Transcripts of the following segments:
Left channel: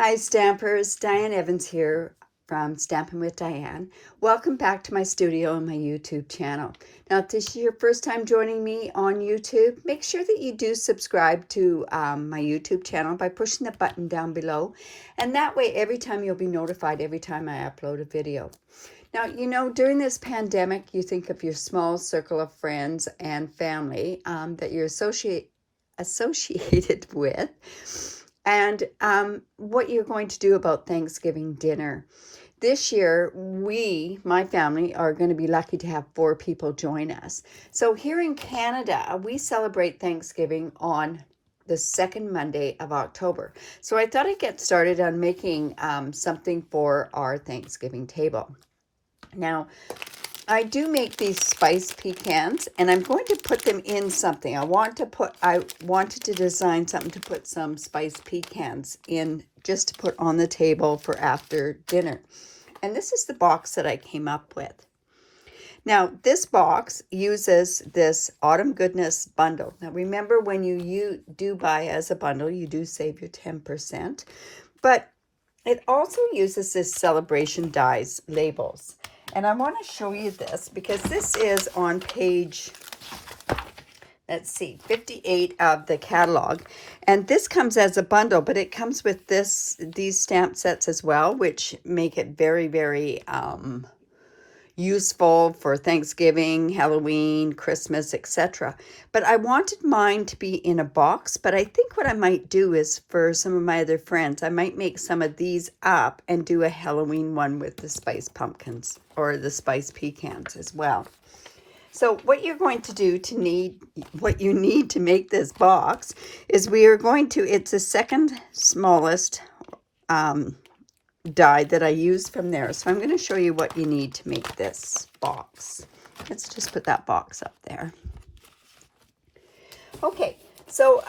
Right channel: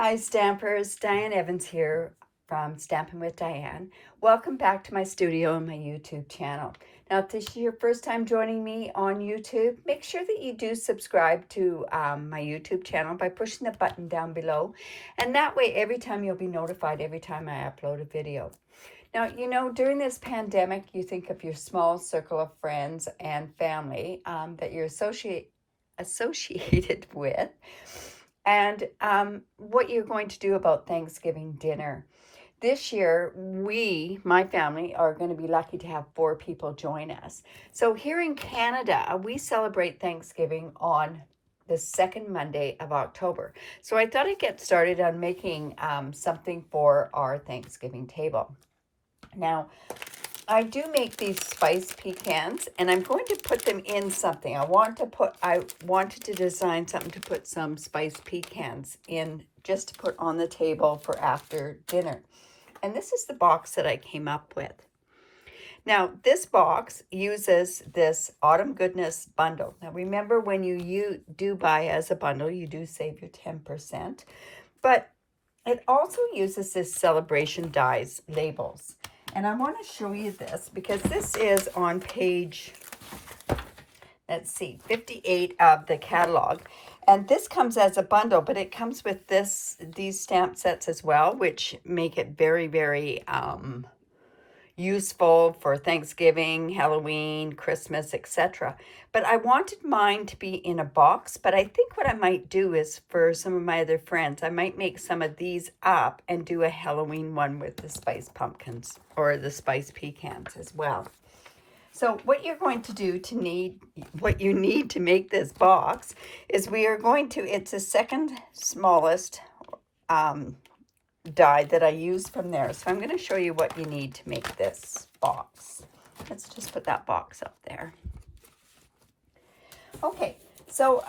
Hi Stampers, Diane Evans here from Stampin' with Diane. Welcome back to my studio and my YouTube channel. Now if this is your first time joining me on YouTube, make sure that you do subscribe to my YouTube channel by pushing the button down below. And that way every time you'll be notified every time I upload a video. Now, you know, during this pandemic, you think of your small circle of friends and family that you're associated with. And what you're going to do about Thanksgiving dinner. This year, my family, are going to be lucky to have 4 people join us. So here in Canada, we celebrate Thanksgiving on the second Monday of October. So I thought I'd get started on making something for our Thanksgiving table. Now, I do make these spice pecans, and I'm going to put them in something. I wanted to design something to put some spice pecans in, just to put on the table for after dinner. And this is the box that I came up with. Now, this box uses this Autumn Goodness bundle. Now, remember, when you do buy as a bundle, you do save your 10%. But it also uses this Celebration Dies labels. And I want to show you this because this is on page, let's see, 58 of the catalog. And this comes as a bundle, but it comes with these stamp sets as well, which make it very, very useful for Thanksgiving, Halloween, Christmas, etc. But I wanted mine to be in a box, but I think what I might do is, for some of my other friends, I might make some of these up and do a Halloween one with the spice pumpkins or the spice pecans as well. So what you're going to do what you need to make this box is it's the second smallest die that I used from there. So I'm going to show you what you need to make this box. Let's just put that box up there. Okay, so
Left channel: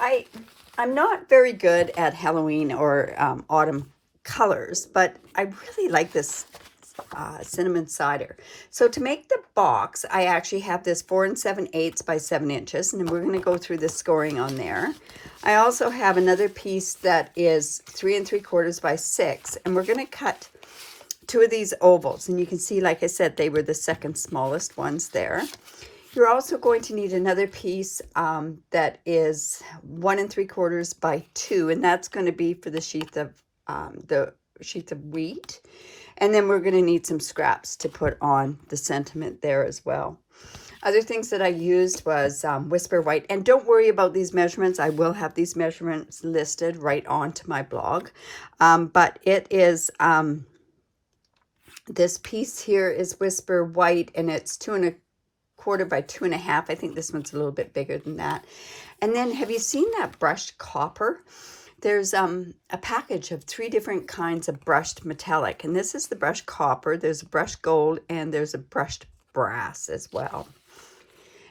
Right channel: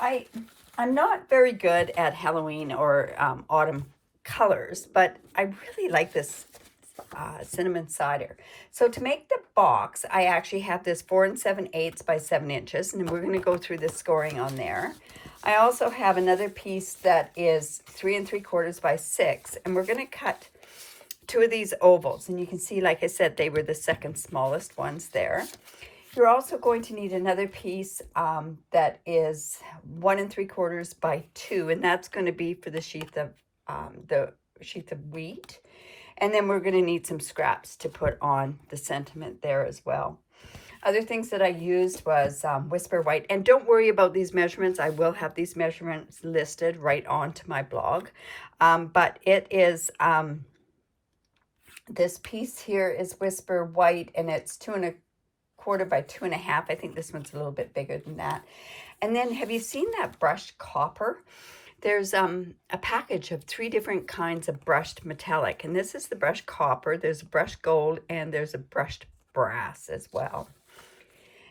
I'm not very good at Halloween or autumn colors, but I really like this cinnamon cider. So to make the box, I actually have this 4 7/8 by 7 inches, and we're going to go through the scoring on there. I also have another piece that is 3 3/4 by 6, and we're going to cut 2 of these ovals. And you can see, like I said, they were the second smallest ones there. You're also going to need another piece that is 1 3/4 by 2, and that's going to be for the sheath of wheat. And then we're going to need some scraps to put on the sentiment there as well. Other things that I used was Whisper White. And don't worry about these measurements. I will have these measurements listed right onto my blog. But it is, this piece here is Whisper White, and it's 2 1/4 by 2 1/2. I think this one's a little bit bigger than that. And then, have you seen that brushed copper? There's a package of 3 different kinds of brushed metallic, and this is the brushed copper. There's a brushed gold, and there's a brushed brass as well.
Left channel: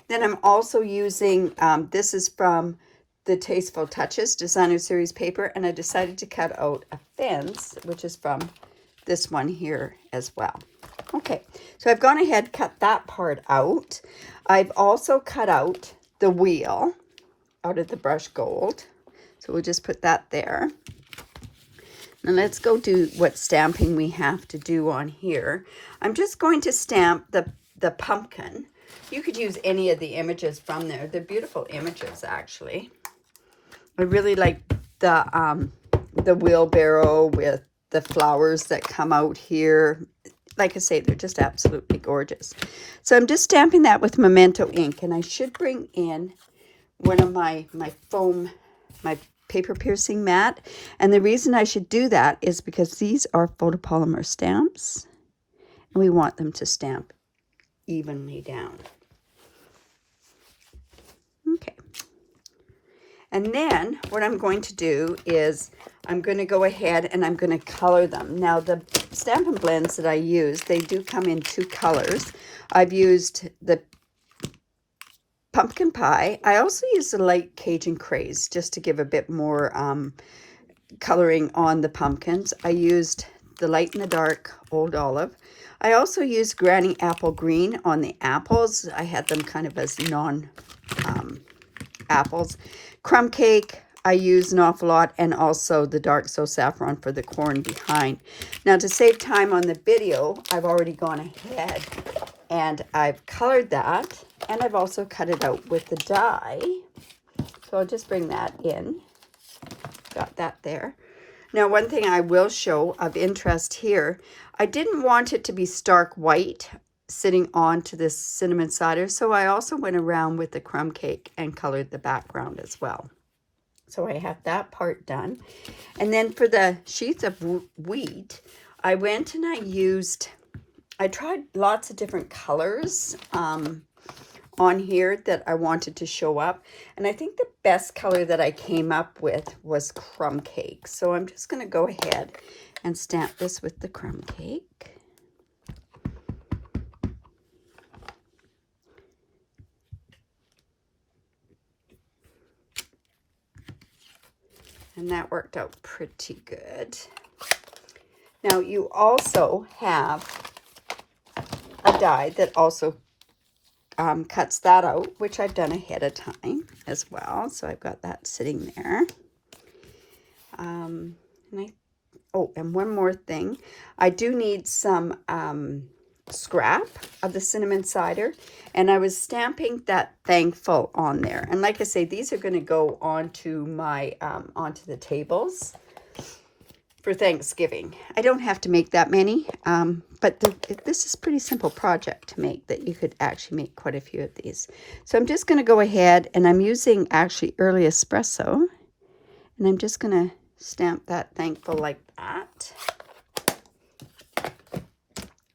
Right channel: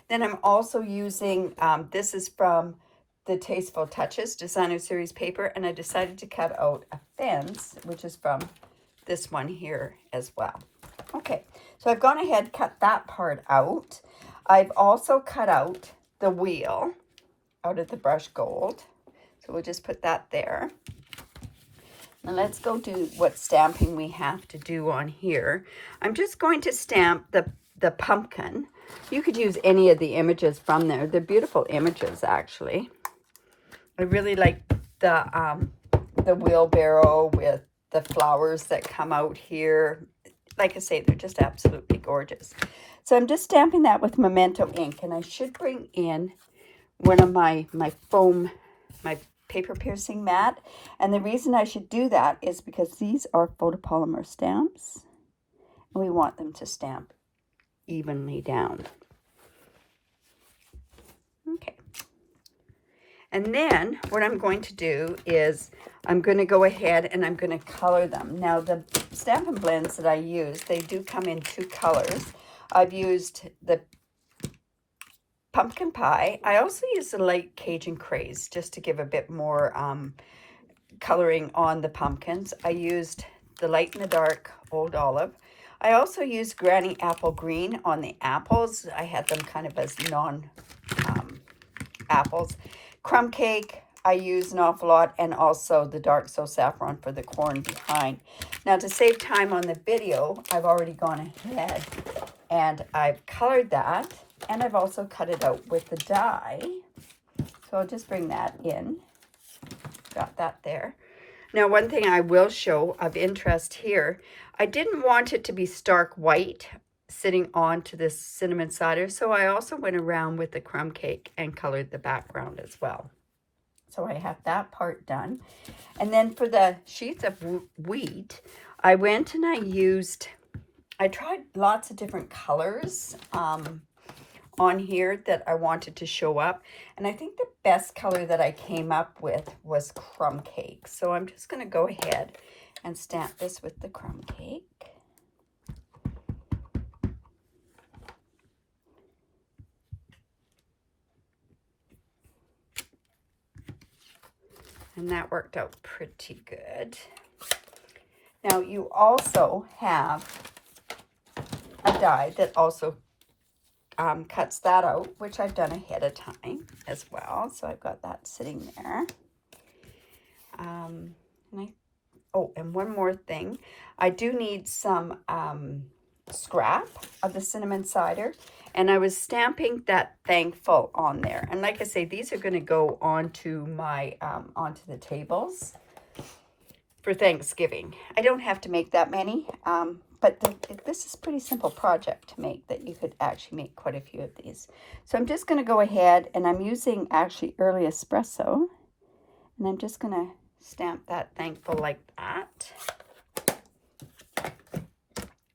Then I'm also using, this is from the Tasteful Touches Designer Series paper, and I decided to cut out a fence, which is from this one here as well. Okay, so I've gone ahead, cut that part out. I've also cut out the wheel out of the brushed gold. So we'll just put that there. And let's go do what stamping we have to do on here. I'm just going to stamp the pumpkin. You could use any of the images from there. They're beautiful images, actually. I really like the wheelbarrow with the flowers that come out here. Like I say, they're just absolutely gorgeous. So I'm just stamping that with Memento ink, and I should bring in one of my paper piercing mat. And the reason I should do that is because these are photopolymer stamps, and we want them to stamp evenly down. Okay. And then what I'm going to do is I'm going to go ahead and I'm going to color them. Now, the Stampin' Blends that I use, they do come in 2 colors. I've used the pumpkin pie. I also use the light Cajun Craze just to give a bit more coloring on the pumpkins. I used the light and the dark Old Olive. I also used Granny Apple Green on the apples. I had them kind of as non-apples. Crumb Cake, I use an awful lot, and also the dark so saffron for the corn behind. Now, to save time on the video, I've already gone ahead and I've colored that, and I've also cut it out with the die. So I'll just bring that in. Got that there. Now, one thing I will show of interest here, I didn't want it to be stark white sitting onto this cinnamon cider, so I also went around with the crumb cake and colored the background as well. So I have that part done. And then for the sheath of wheat, I went and I tried lots of different colors on here that I wanted to show up. And I think the best color that I came up with was crumb cake. So I'm just going to go ahead and stamp this with the crumb cake. And that worked out pretty good. Now you also have a die that also cuts that out, which I've done ahead of time as well. So I've got that sitting there. And one more thing. I do need some scrap of the cinnamon cider, and I was stamping that thankful on there. And like I say, these are going to go onto my onto the tables for Thanksgiving. I don't have to make that many, but this is a pretty simple project to make, that you could actually make quite a few of these. So I'm just going to go ahead, and I'm using actually early espresso, and I'm just going to stamp that thankful like that.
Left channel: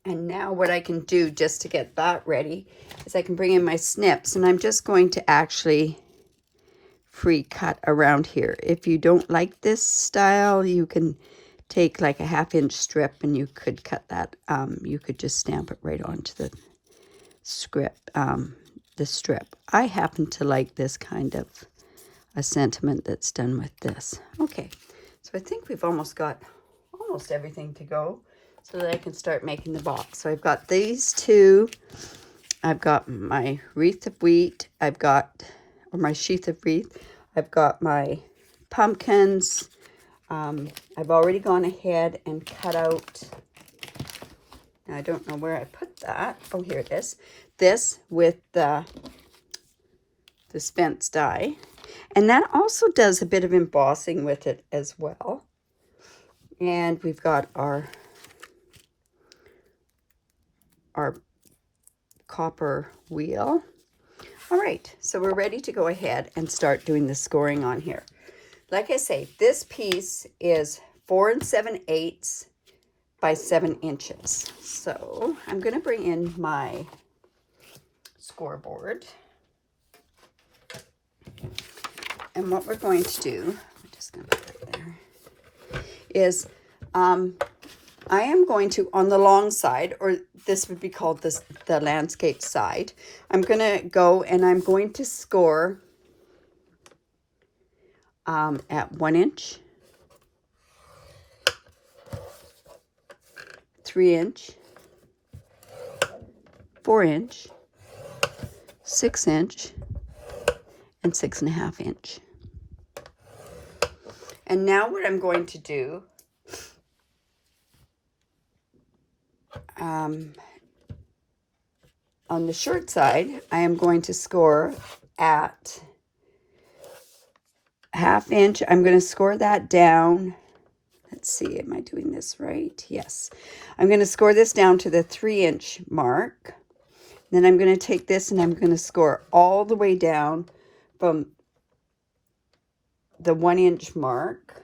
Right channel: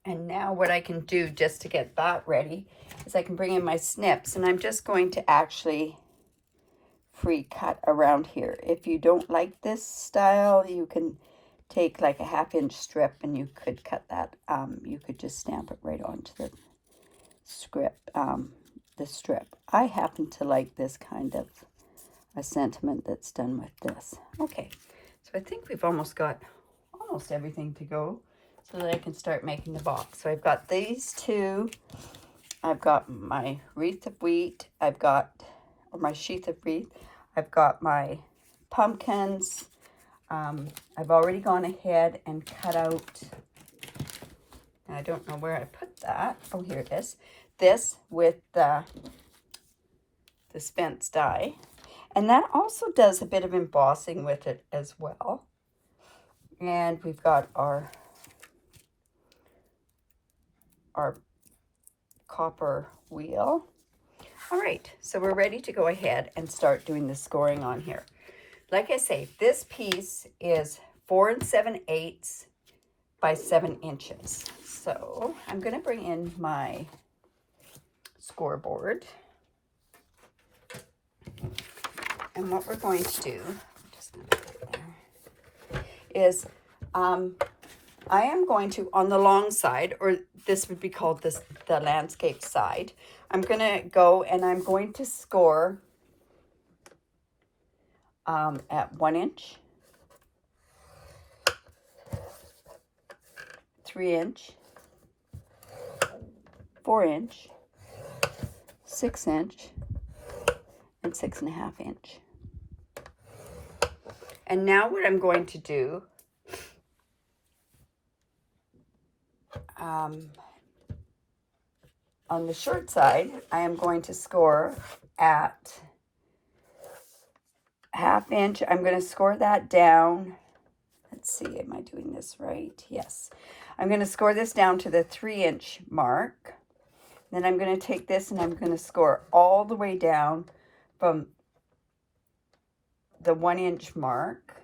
And now what I can do just to get that ready is I can bring in my snips, and I'm just going to actually free cut around here. If you don't like this style, you can take like a 1/2 inch strip and you could cut that. You could just stamp it right onto the strip. I happen to like this kind of a sentiment that's done with this. Okay, so I think we've almost got everything to go, so that I can start making the box. So I've got these two. I've got my wreath of wheat. My sheath of wreath. I've got my pumpkins. I've already gone ahead and cut out. I don't know where I put that. Oh, here it is. This with the Spence die. And that also does a bit of embossing with it as well. And we've got our copper wheel. All right, so we're ready to go ahead and start doing the scoring on here. Like I say, this piece is 4 7/8 by 7 inches. So I'm going to bring in my scoreboard. And what we're going to do, I'm just going to put it there, is I am going to, on the long side, or this would be called the landscape side, I'm going to go and I'm going to score at 1 inch, 3 inch, 4 inch, 6 inch, and 6.5 inch. And now what I'm going to do, on the short side, I am going to score at 1/2 inch. I'm going to score that down. Let's see, am I doing this right? Yes. I'm going to score this down to the 3 inch mark. Then I'm going to take this and I'm going to score all the way down from the 1 inch mark.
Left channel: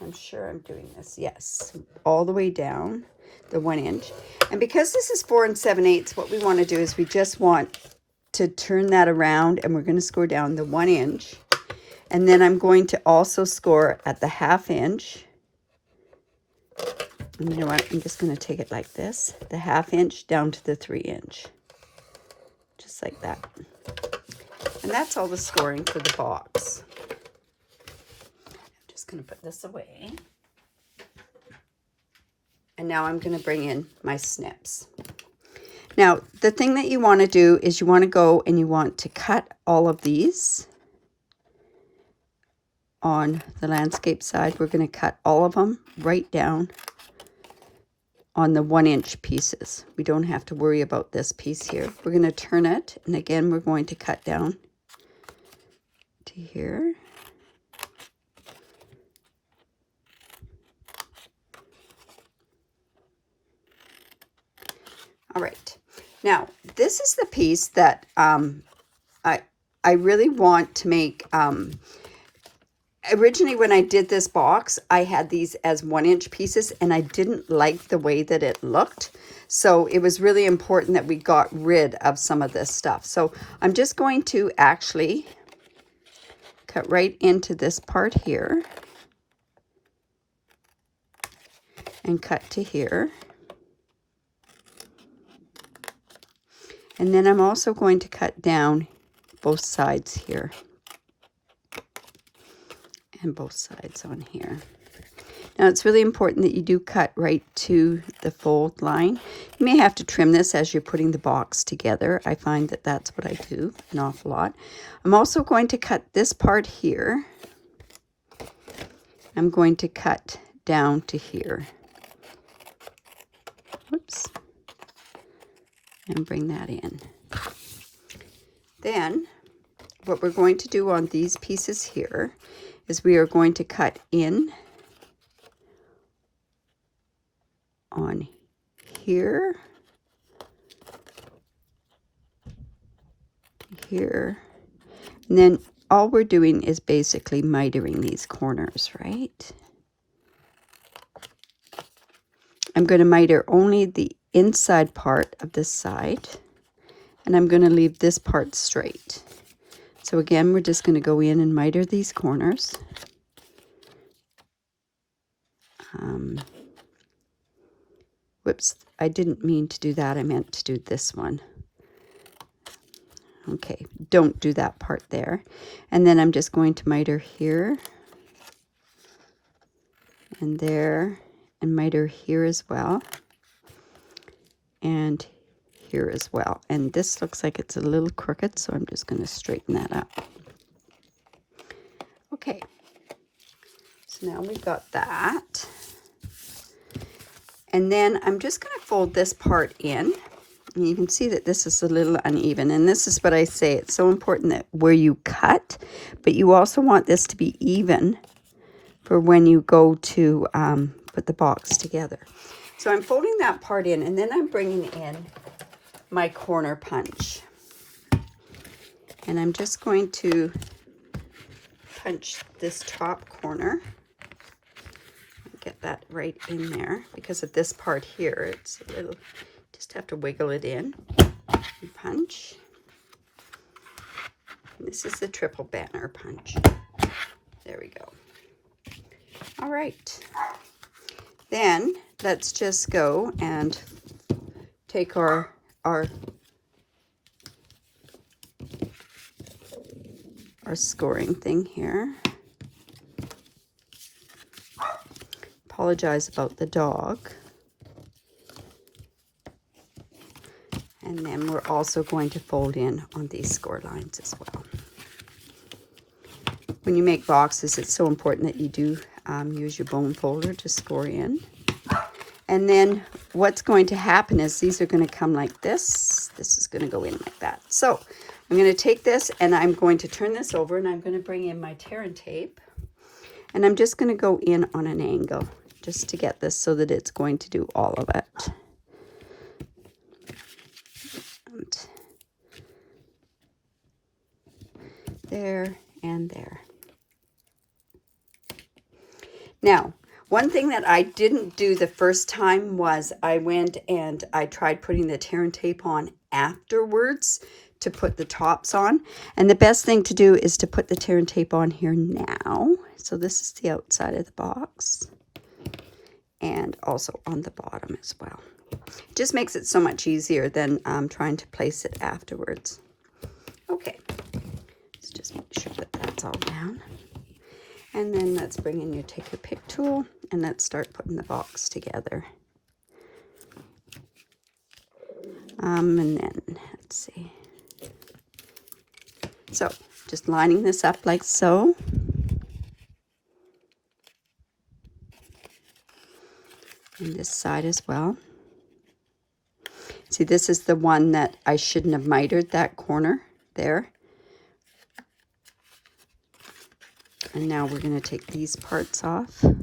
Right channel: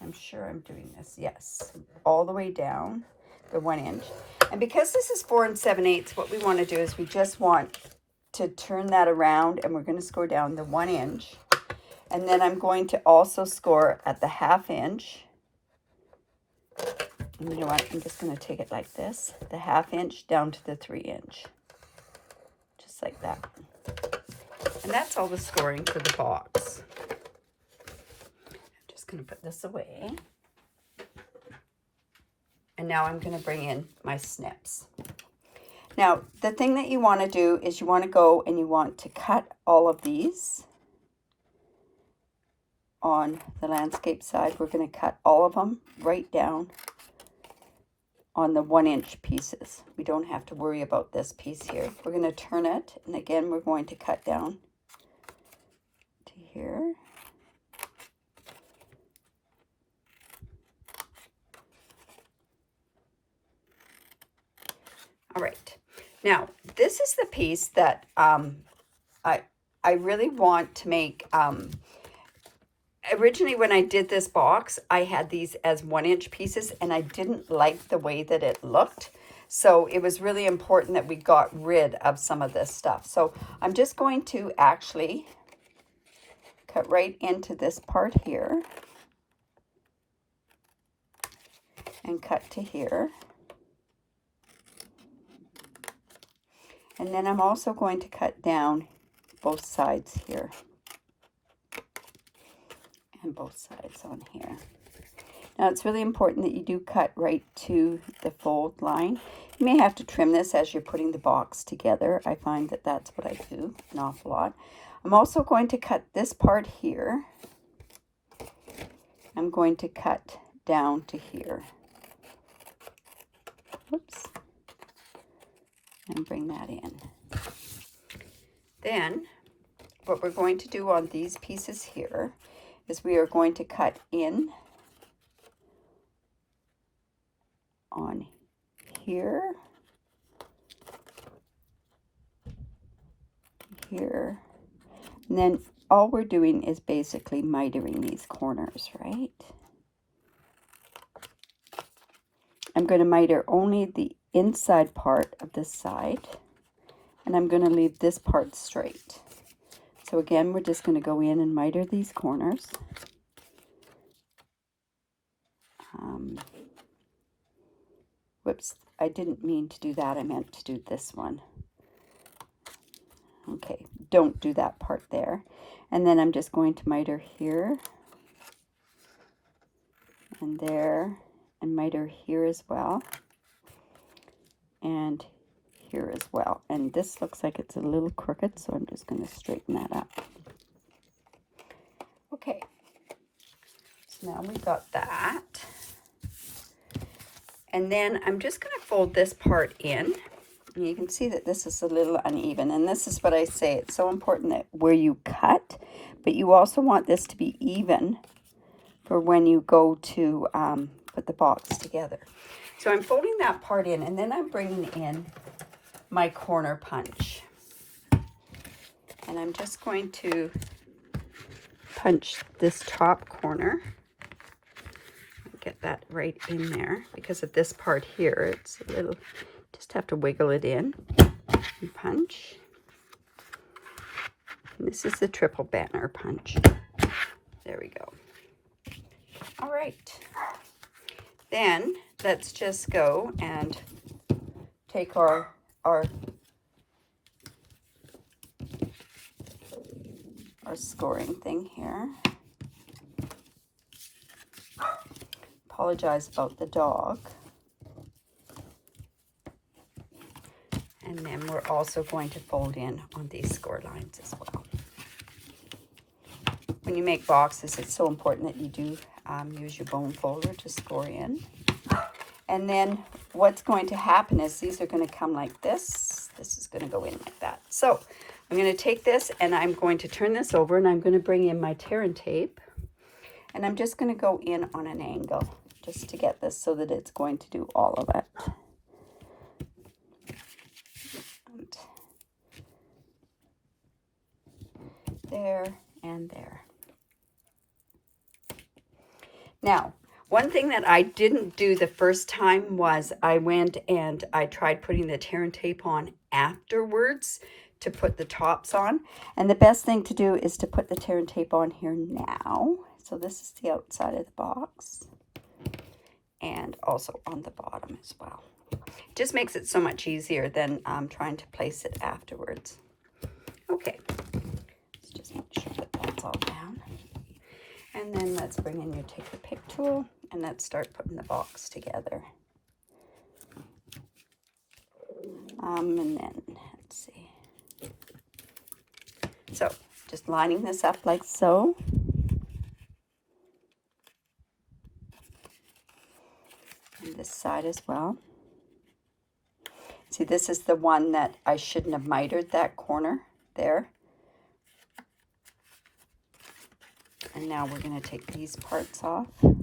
I'm sure I'm doing this. Yes. All the way down the 1 inch. And because this is 4 7/8, what we want to do is we just want to turn that around, and we're going to score down the 1 inch. And then I'm going to also score at the 1/2 inch. And you know what? I'm just going to take it like this. The 1/2 inch down to the 3 inch. Just like that. And that's all the scoring for the box. I'm just going to put this away. And now I'm going to bring in my snips. Now, the thing that you want to do is you want to go and you want to cut all of these on the landscape side, we're going to cut all of them right down on the 1-inch pieces. We don't have to worry about this piece here. We're going to turn it, and again we're going to cut down to here. All right, now this is the piece that I really want to make. Originally when I did this box, I had these as 1-inch pieces, and I didn't like the way that it looked. So it was really important that we got rid of some of this stuff. So I'm just going to actually cut right into this part here and cut to here. And then I'm also going to cut down both sides here and both sides on here. Now it's really important that you do cut right to the fold line. You may have to trim this as you're putting the box together. I find that that's what I do an awful lot. I'm also going to cut this part here. I'm going to cut down to here. Whoops. And bring that in. Then what we're going to do on these pieces here is we are going to cut in on here, here, and then all we're doing is basically mitering these corners, right? I'm going to miter only the inside part of this side, and I'm going to leave this part straight. So again, we're just going to go in and miter these corners. Whoops, I didn't mean to do that. I meant to do this one. Okay, don't do that part there. And then I'm just going to miter here and there, and miter here as well, and here as well. And this looks like it's a little crooked, so I'm just going to straighten that up. Okay, so now we've got that. And then I'm just going to fold this part in. And you can see that this is a little uneven. And this is what I say, it's so important that where you cut, but you also want this to be even for when you go to put the box together. So I'm folding that part in, and then I'm bringing in my corner punch. And I'm just going to punch this top corner. Get that right in there because of this part here. It's a little, just have to wiggle it in and punch. And this is the triple banner punch. There we go. All right. Then let's just go and take our scoring thing here. Apologize about the dog. And then we're also going to fold in on these score lines as well. When you make boxes, it's so important that you do use your bone folder to score in. And then what's going to happen is these are going to come like this. This is going to go in like that. So I'm going to take this and I'm going to turn this over, and I'm going to bring in my tear and tape. And I'm just going to go in on an angle just to get this so that it's going to do all of it. And there and there. Now, one thing that I didn't do the first time was I went and I tried putting the tear and tape on afterwards to put the tops on. And the best thing to do is to put the tear and tape on here now. So this is the outside of the box. And also on the bottom as well. It just makes it so much easier than trying to place it afterwards. Okay, let's just make sure that that's all down. And then let's bring in your take your pick tool and let's start putting the box together. And then let's see. So just lining this up like so. on this side as well. See, this is the one that I shouldn't have mitered, that corner there. And now we're going to take these parts off. And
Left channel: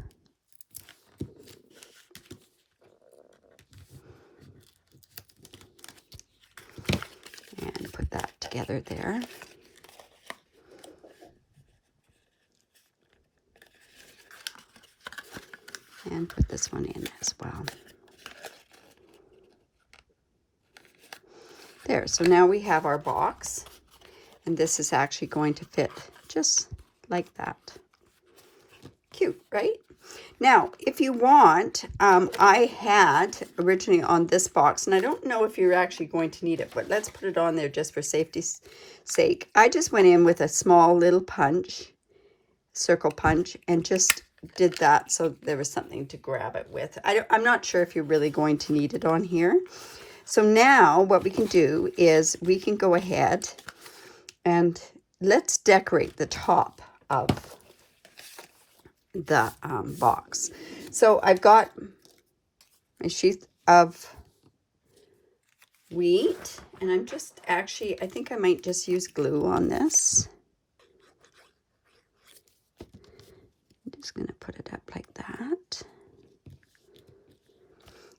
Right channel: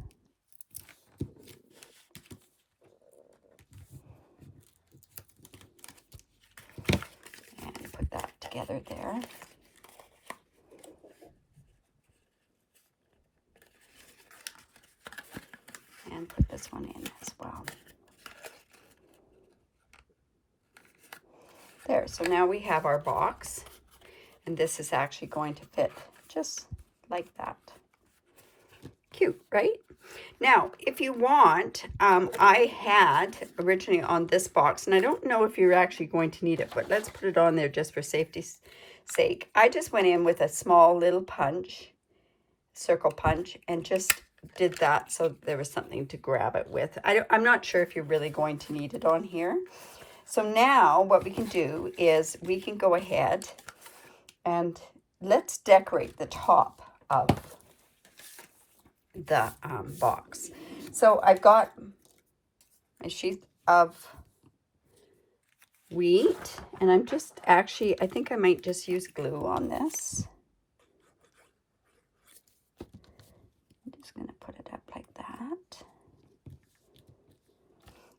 put that together there. And put this one in as well. There, so now we have our box. And this is actually going to fit just like that. Cute, right? Now, if you want, I had originally on this box, and I don't know if you're actually going to need it, but let's put it on there just for safety's sake. I just went in with a small little punch, circle punch, and just did that so there was something to grab it with. I'm not sure if you're really going to need it on here. So now what we can do is we can go ahead and let's decorate the top of the box. So I've got a sheath of wheat, and I'm just actually, I think I might just use glue on this. I'm just going to put it up like that.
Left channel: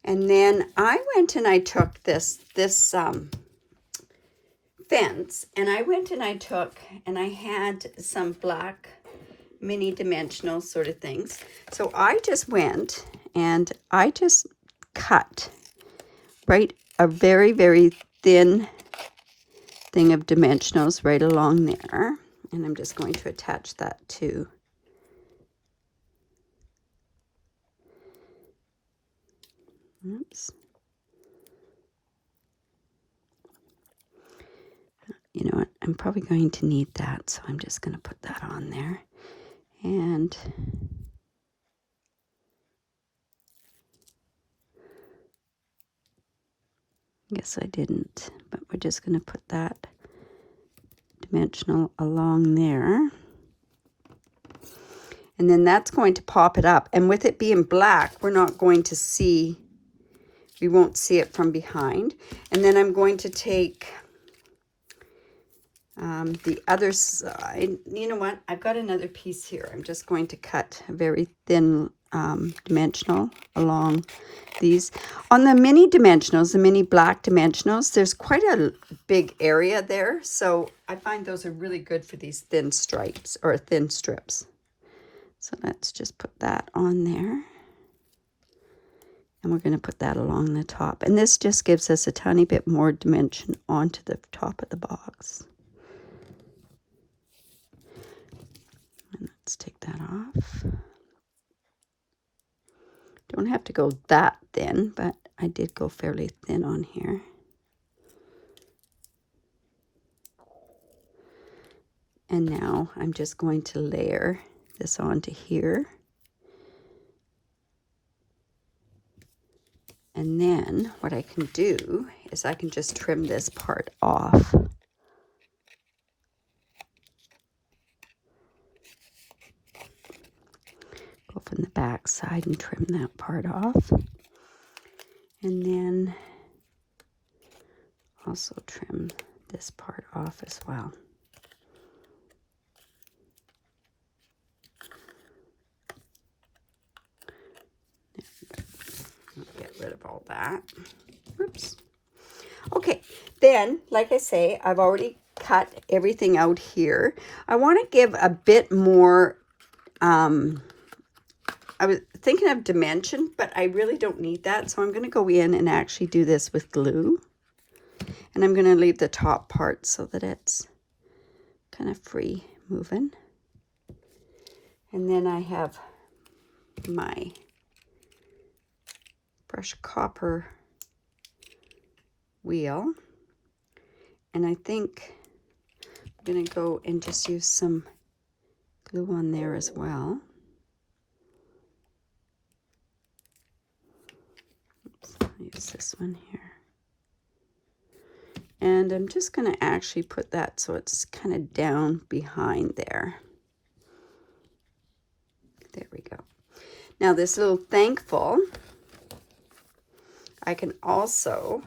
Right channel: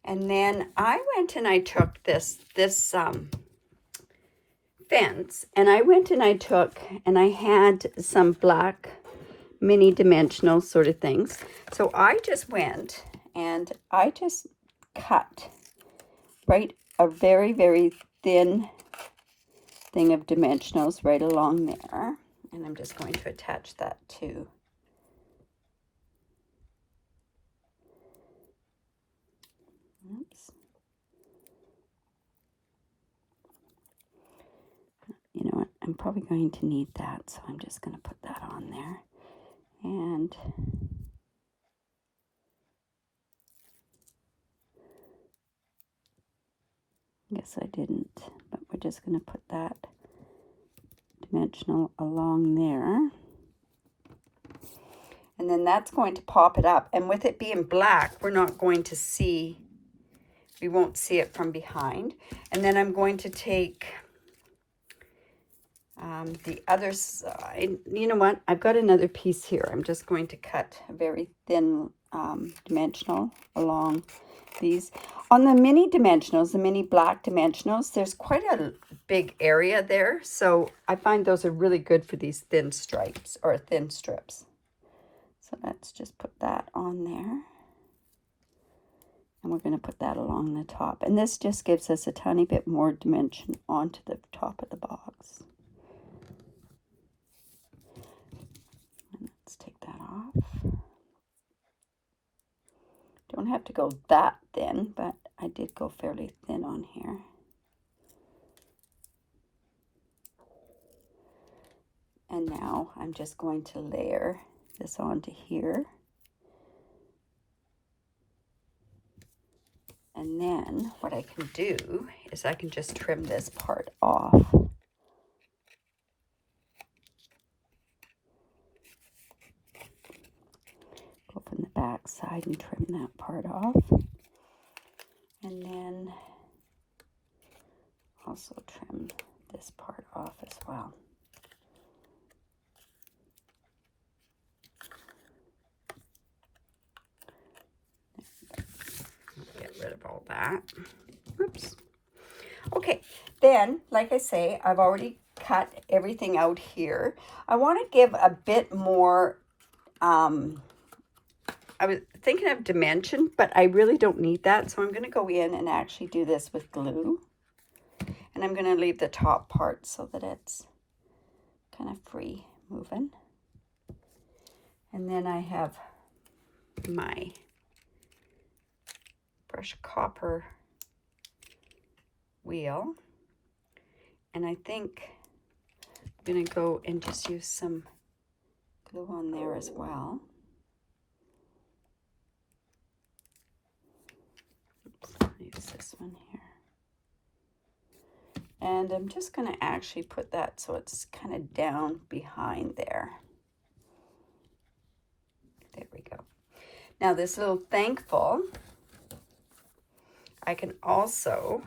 And then I went and I took this fence, and I went and I took, and I had some black mini dimensional sort of things. So I just went and I just cut right a very, very thin thing of dimensionals right along there. And I'm just going to attach that to oops. You know what? I'm probably going to need that, so I'm just going to put that on there. And I guess I didn't, but we're just going to put that dimensional along there. And then that's going to pop it up. And with it being black, we're not going to see, we won't see it from behind. And then I'm going to take the other side. You know what? I've got another piece here. I'm just going to cut a very thin dimensional along these. On the mini dimensionals, the mini black dimensionals, there's quite a big area there. So I find those are really good for these thin stripes or thin strips. So let's just put that on there. And we're going to put that along the top. And this just gives us a tiny bit more dimension onto the top of the box. And let's take that off. Don't have to go that thin, but I did go fairly thin on here. And now I'm just going to layer this onto here. And then what I can do is I can just trim this part off. Go from the back side and trim that part off. And then also trim this part off as well. Get rid of all that. Oops. Okay, then, like I say, I've already cut everything out here. I want to give a bit more, I was thinking of dimension, but I really don't need that. So I'm going to go in and actually do this with glue. And I'm going to leave the top part so that it's kind of free moving. And then I have my brush copper wheel, and I think I'm going to go and just use some glue on there as well. Oops, I'll use this one here. And I'm just going to actually put that so it's kind of down behind there. There we go. Now this little thankful, I can also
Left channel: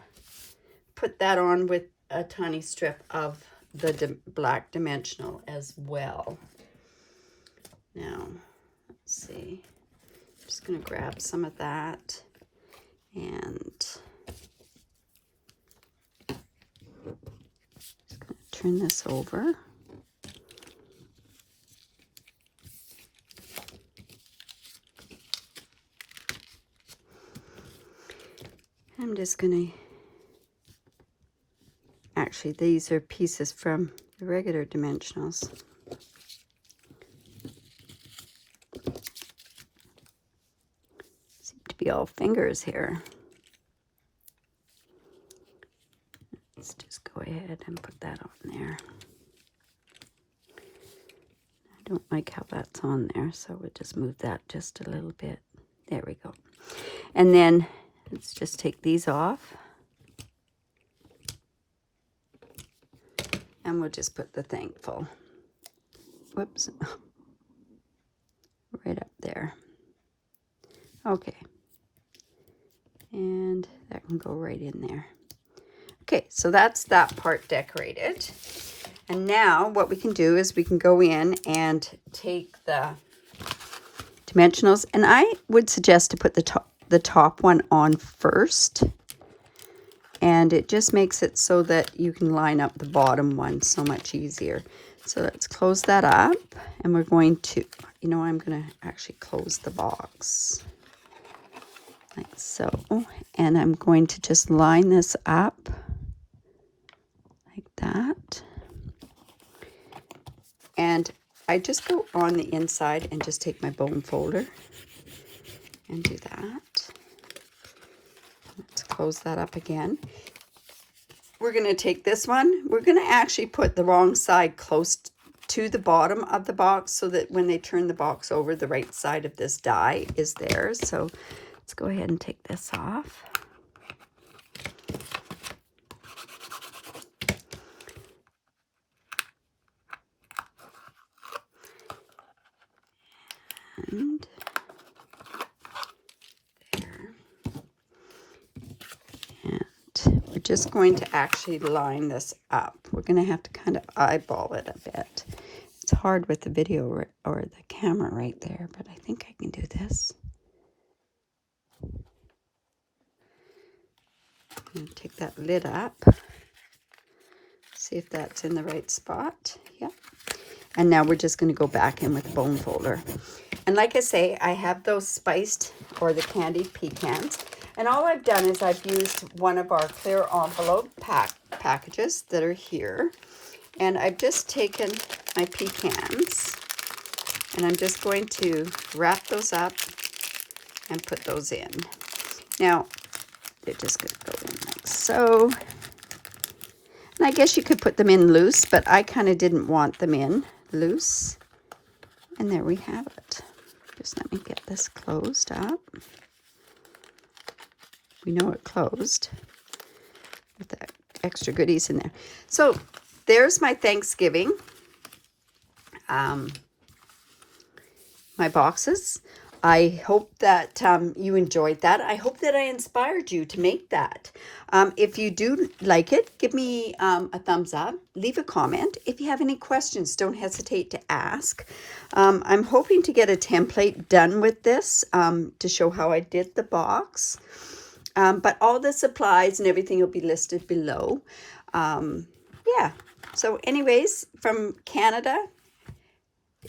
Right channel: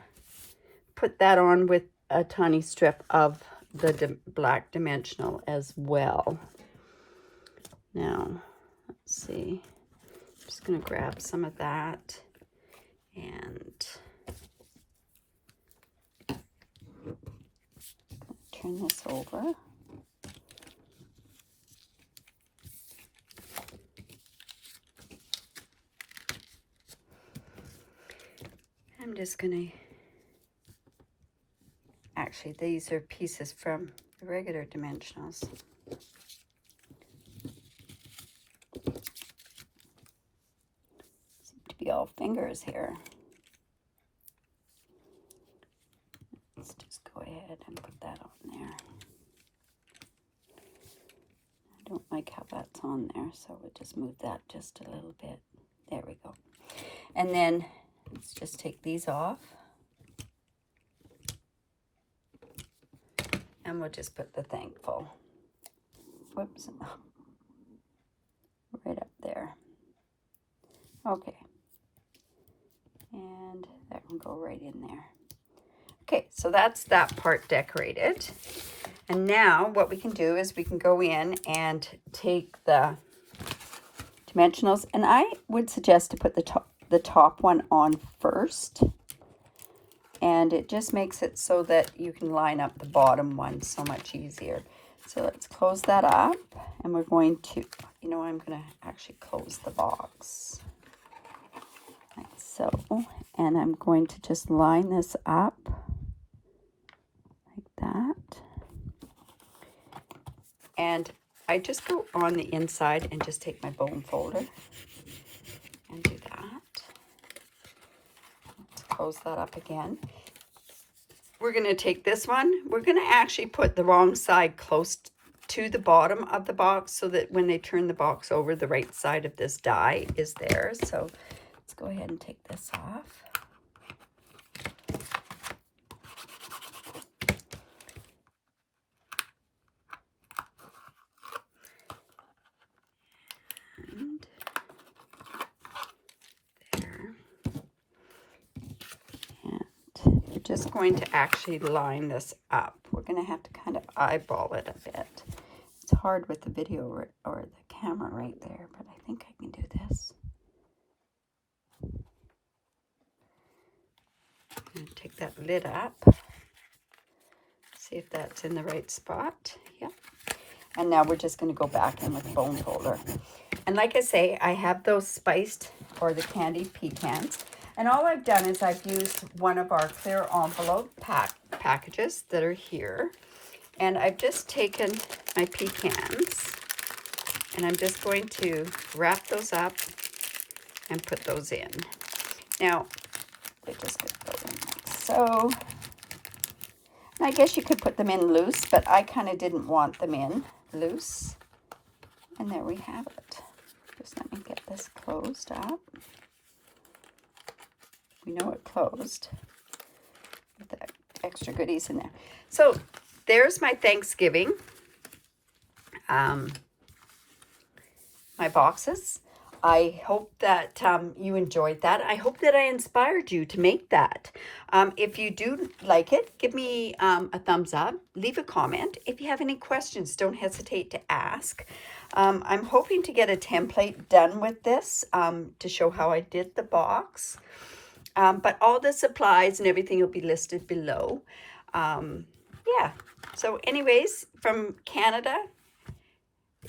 put that on with a tiny strip of the black dimensional as well. Now, let's see. I'm just going to grab some of that and turn this over. I'm just going to, actually these are pieces from the regular dimensionals. Seem to be all fingers here. Let's just go ahead and put that on there. I don't like how that's on there, so we'll just move that just a little bit. There we go. And then let's just take these off. And we'll just put the thankful. Whoops. Right up there. Okay. And that can go right in there. Okay, so that's that part decorated. And now what we can do is we can go in and take the dimensionals. And I would suggest to put the top one on first. And it just makes it so that you can line up the bottom one so much easier. So let's close that up. And we're going to, you know, I'm going to actually close the box. Like so. And I'm going to just line this up. Like that. And I just go on the inside and just take my bone folder and do that. Let's close that up again. We're going to take this one. We're going to actually put the wrong side close to the bottom of the box so that when they turn the box over, the right side of this die is there. So let's go ahead and take this off. And there. And we're just going to actually line this up. We're going to have to kind of eyeball it a bit. It's hard with the video or the camera right there, but I think I can do this. I'm going to take that lid up. See if that's in the right spot. Yep. And now we're just going to go back in with the bone folder. And like I say, I have those spiced or the candied pecans. And all I've done is I've used one of our clear envelope packages that are here. And I've just taken my pecans and I'm just going to wrap those up and put those in. Now, they're just going to go in like so. And I guess you could put them in loose, but I kind of didn't want them in loose. And there we have it. Just let me get this closed up. We know it closed with the extra goodies in there. So there's my Thanksgiving, my boxes. I hope that you enjoyed that. I hope that I inspired you to make that. If you do like it, give me a thumbs up. Leave a comment. If you have any questions, don't hesitate to ask. I'm hoping to get a template done with this to show how I did the box. But all the supplies and everything will be listed below. Yeah. So anyways, from Canada,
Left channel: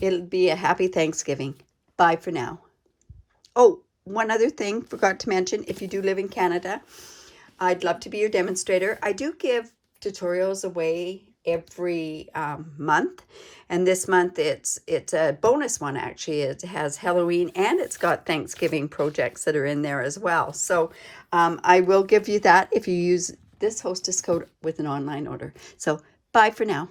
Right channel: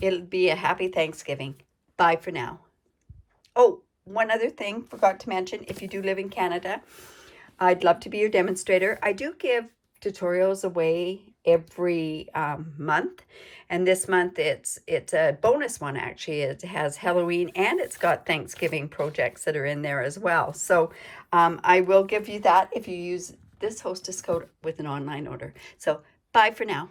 it'll be a happy Thanksgiving. Bye for now. Oh, one other thing, forgot to mention, if you do live in Canada, I'd love to be your demonstrator. I do give tutorials away every month. And this month it's a bonus one, actually. It has Halloween and it's got Thanksgiving projects that are in there as well. So I will give you that if you use this hostess code with an online order. So bye for now.